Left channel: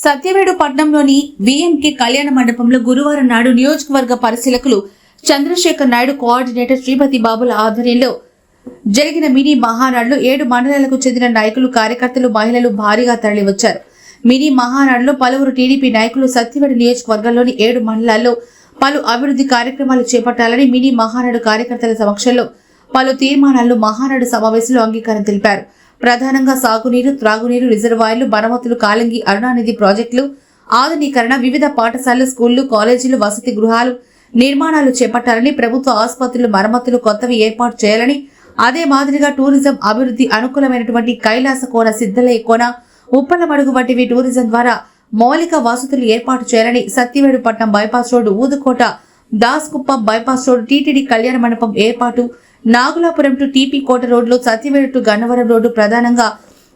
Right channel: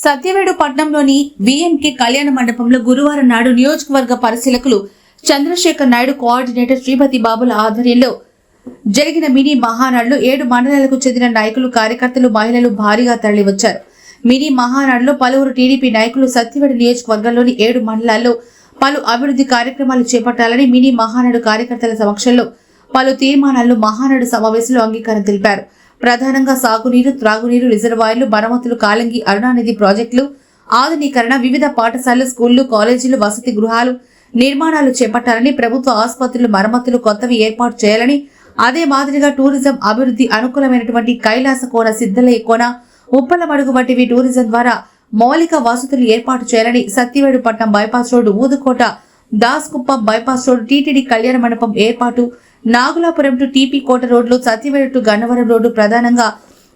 Satyavedu పట్నంలోని VMK కళ్యాణ మండపంలో గురువారం నాడు నియోజకవర్గ పరిశీలకులు చంద్రశేఖర్ నాయుడు కోఆర్డినేటర్ శ్రీమతి బాబుల ఆధ్వర్యంలో జరిగిన మినీ మహానాడులో ఏడు మండలాలకు చెందిన నాయకులు కార్యకర్తలు మహిళలు భారీగా తరలివచ్చారు. మినీ మహానాడులో పలువురు టీడీపీ నాయకులు సత్యవేడు నియోజకవర్గంలోని ఏడు మండలాల్లో పలు అభివృద్ధి కార్యక్రమాలు చేపట్టాలని మినీ మహానాడు కార్యకర్తల సమక్షంలో పలు తీర్మానాలను మహానాడు సమావేశంలో అంగీకారం తెలిపారు. ప్రధానంగా సాగునీరు త్రాగునీరు రిజర్వాయర్లు మరమ్మతులు కాలంగి అరుణానిధి ప్రాజెక్టులు ఆధునీకరణ వివిధ పాఠశాలలు స్కూళ్ళు కాలేజీలు వసతి గృహాలు నిర్మాణాలు చేపట్టాలని ప్రభుత్వ ఆసుపత్రులు మరమ్మతులు కొత్తవి ఏర్పాటు చేయాలని అదే మాదిరిగా టూరిజం అభివృద్ధి అనుకూలమైనటువంటి కైలాస కోన సిద్ధలయ్య కోన ఉప్పలమడుగు వంటివి టూరిజం ద్వారా మౌలిక వసతులు ఏర్పాటు చేయాలని Satyavedupatnam bypass road Udukota Daskuppam bypass road TTD కళ్యాణ మండపం ఏర్పాటు నాగులాపురం టు టీపీ కోట రోడ్లు సత్యవేడు టు గన్నవరం రోడ్డు ప్రధానంగా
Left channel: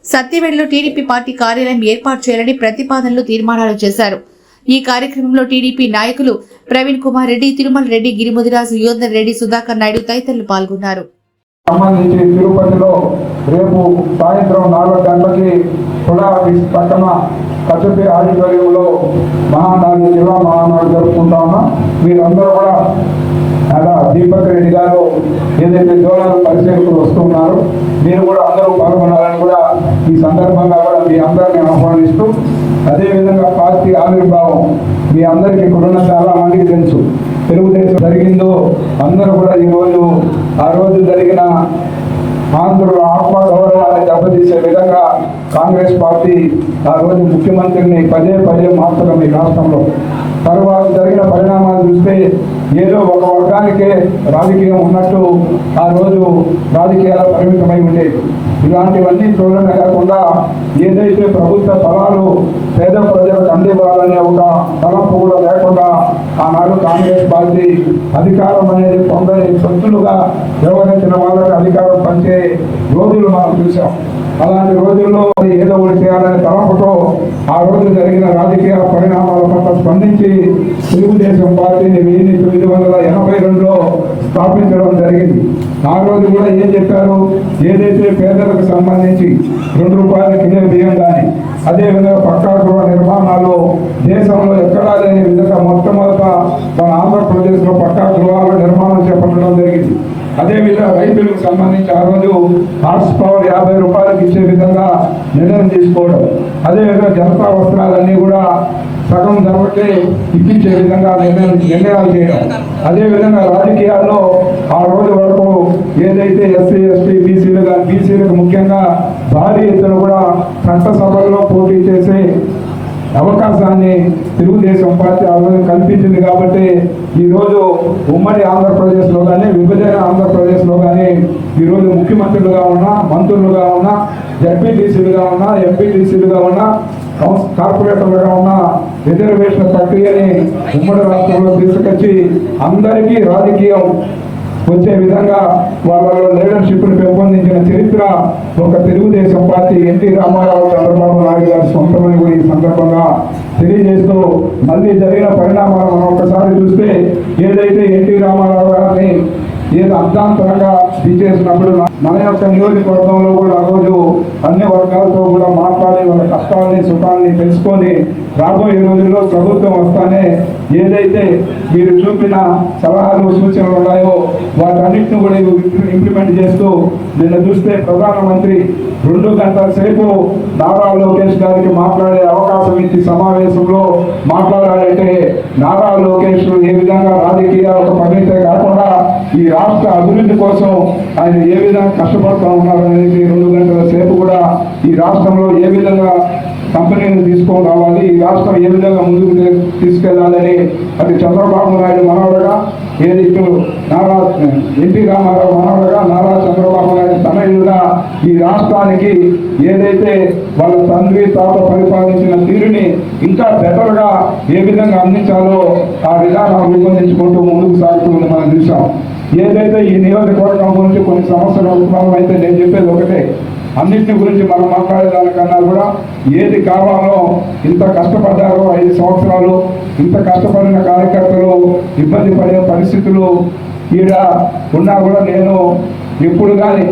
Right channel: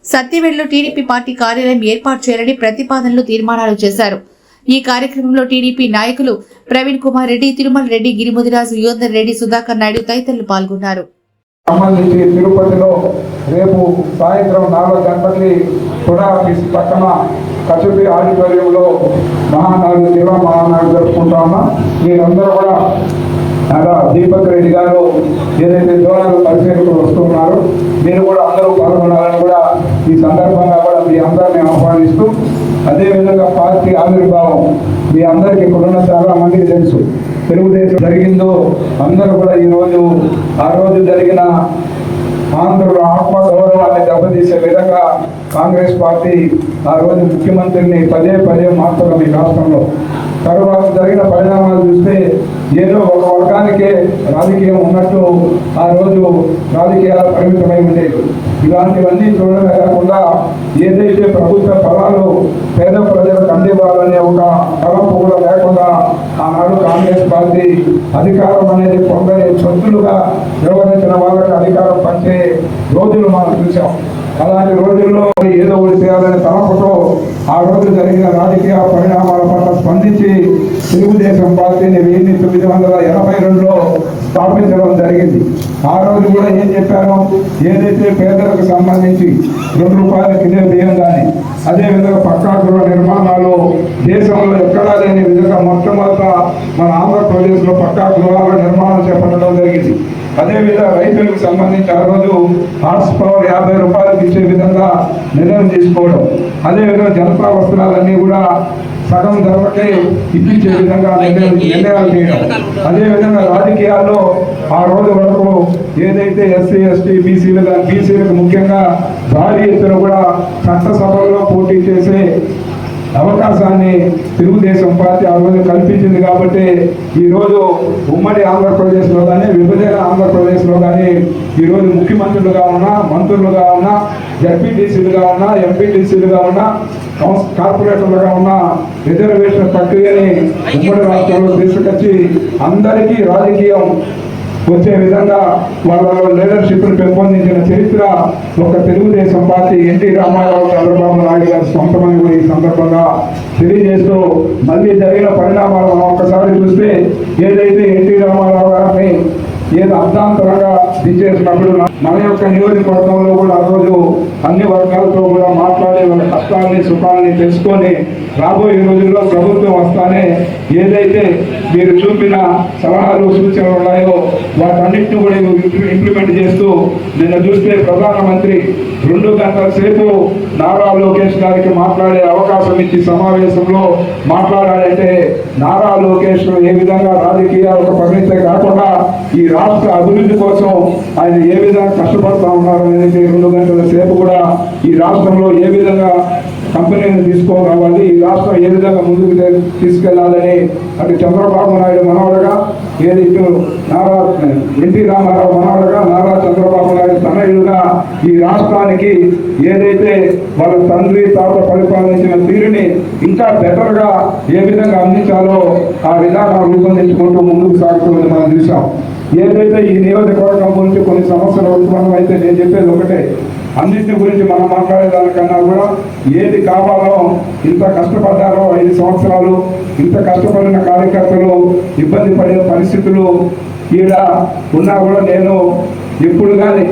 సత్యవేడులో టీడీపీ పార్టీ కార్యాలయం ఏర్పాటు చేయాలని ప్రతిపాదనలు తీర్మానాలు చేశారు. ఈ కార్యక్రమంలో టీడీపీ నాయకులు ప్రవీణ్ కుమార్ రెడ్డి తిరుమల రెడ్డి గిరిముదిరాజు యోధన్ రెడ్డి సుధాకర్ నాయుడు తదితరులు పాల్గొన్నారు. సంబంధించి తిరుపతిలో రేపు సాయంత్రం నాలుగు గంటలకి తుడా ఆఫీస్ పక్కన కచుపి ఆడిటోరియంలో మహానాడు జిల్లా మహానాడు జరుపుకుంటాము? మీరందరూ కూడా అలా దీపక్ రెడ్డి గారు ఏదైతే దూరాలు పరిశీలకులు వస్తున్నారు మీరు కూడా అందరూ పాల్గొనాలని కూడా ఈ సందర్భంగా కూడా మీ అందరినీ ఆహ్వానిస్తూ అదేవిధంగా పార్టీ ఆవిర్భావం మీ అందరికీ ఇప్పుడున్న చాలా మంది తెలుసు. తెలుగుదేశం జరిగిందో అందరూ కూడా ఈ రోజు ఆ రోజు జరిగిన ఆంధ్రుల సవరణాన్ని దెబ్బతీసే విధంగా కాంగ్రెస్ పార్టీ ఆ రోజు ముఖ్యమంత్రిని పదే పదే మార్చడం ఈ రాష్ట్రంలో తరువాత జరిగిన పరిణామాలు చూస్తే ఏదో ఒక వర్గానికే రాజకీయం ఉన్నట్టు ఆ రోజు రాజకీయాలు పరిమితమై ఉండేవి. ఇలాంటివన్నీ చూడడం కాకుండా ఏదైతే ప్రభుత్వ ఫలాలు పేద ప్రజలకు అందివ్వాలనే ఒక తలపు కూడా లేకుండా ఆనాడు కాంగ్రెస్ పార్టీ అధికారం అనేది పొందని సొత్తులుగా నిర్వహించిన వాళ్ళకి అధికారం పంచే రోజులు మనం చూసాం అలాంటి రోజుల్లో ఏదో ఒకటి చేయాలనే తలపుతో ఆ రోజు జరిగిన రాజకీయ పరిణామాల పట్ల స్పందించి తెలుగుదేశం పార్టీని వెయ్యి తొమ్మిది వందల ఎనభై రెండులో స్థాపించడం జరిగింది. ఆ రోజు కూడా ఏం చెప్పారు ఏదైతే పేదలకు సంబంధించి రెండు రూపాయల కిలో బియ్యం కానీ అదేవిధంగా పక్కా గృహ నిర్మాణాలు దేశంలో ఎక్కడా లేని విధంగా మొట్టమొదట మన ఆంధ్రప్రదేశ్లో పక్కా గృహాల నిర్మాణం చేపట్టడం జరిగింది. అదేవిధంగా రైతులకు సంబంధించి ఆ రోజు హార్స్ పవర్ యాభై రూపాయలకు ఇచ్చే విధంగా నిర్ణయం తీసుకోవడం. అదేవిధంగా జనతా వస్త్రాలన్నీ కూడా సగం ధరలకే ఇప్పించే విధంగా నిర్ణయం నిర్ణయాలు చేయడం. అదేవిధంగా రాజకీయాల్లో ఆ తెలుగుదేశం పార్టీ ఆ కల్పించింది కాబట్టి ఈ రోజు ఉమ్మడి ఆంధ్రప్రదేశ్లో కానీ విభజన ఆంధ్రప్రదేశ్లో కానీ ఈ రోజు ముఖ్యమంత్రులుగా ఉన్నా మంత్రులుగా ఉన్నా ఎంపీటీసీలుగా ఉన్నా ఎంపీటీసీలుగా ఉన్నా కౌన్స్- కార్పొరేటర్లుగా ఉన్న రిజర్వేషన్ ప్రక్రియని ఉమ్మడి రాష్ట్రంలో తీసుకొచ్చి అందరికీ రాజకీయం వచ్చే విధంగా వాళ్ళ లీడర్షిప్ను పెంపొందించిన చరిత్ర ఒక తెలుగుదేశం పార్టీ ఎన్టీ రామారావు చంద్రబాబు నాయుడు గారి సొంతమని కూడా ఈ సందర్భంగా తెలియజేస్తూ మళ్ళీ జరిగిన పరిణామాలు ఒకసారి చూస్తే ఏదైతే ఎన్టీ రామారావు గారిని ఏదో అర్థాంతరంగా తీసేసినప్పుడు మన యొక్క నియోజకవర్గంలో కూడా రోజు అన్ని వర్గాలతో కూడా మా కష్టాలని సుఖాలని తెలుసుకొని రాబోయే రోజుల్లో ప్రభుత్వం వస్తానే ఏదైతే మీరు చూపిన సలహాలు సూచనలు ఉన్నాయో వాటన్నిటిని కూడా ఇంప్లిమెంట్ చేస్తూ నిన్న చూస్తే ప్రధానమంత్రి రెండు గంటల సేపు నారా లోకేష్ గారికి మాట్లాడే అవకాశం ఇచ్చి సమావేశంలో మాట్లాడాలంటే నారా లోకేష్ ఏ విధంగా రాజకీయ ఒక పరిమితే కాకుండా ఈ రాష్ట్ర అభివృద్ధి కోసం ఆయన ఏ విధంగా కష్టపడుతూ ఉన్నారు అనేది రెండు గంటల సేపు కూడా ఈ రాష్ట్రంలో ఏ విధంగా కంపెనీలు తీసుకొని ఈ రాష్ట్రం ఏ విధంగా ముందుకు తీసుకెళ్ళాలని అది చంద్రబాబు నాయుడు మనవడగా ఏది ఇప్పుడు నారా ఎన్టీ రామారావు మనవడగా నారా చంద్రబాబు నాయుడు తనయుడుగా ఈ రాష్ట్రానికి ఏదైతే వాళ్ళ తండ్రి తాత పరిపాలించిన తీరుని ఇంకా బెటర్గా ఏ విధంగా అందించాలో ఆ విధానం రూపొందించుకుంటూ ముందుకు సాగుతుందని మనం చూసాం ఏదైతే ఈ నియోజకవర్గం గురించి కొన్ని సమస్యలు ఉత్పన్నం అయితే నేను చెప్పేది ఒకటే. అన్నింటి గురించి మనం మాట్లాడేదానికన్నా కూడా ఏది కావాలో ఇంత కష్టపడ్డారో ఐదు సంవత్సరాలు ఇంత కష్టపడిన కార్యకర్తలు ఇబ్బంది పడే పరిస్థితులు ఈడ ఉన్నా కూడా నేను ఎప్పుడు కానీ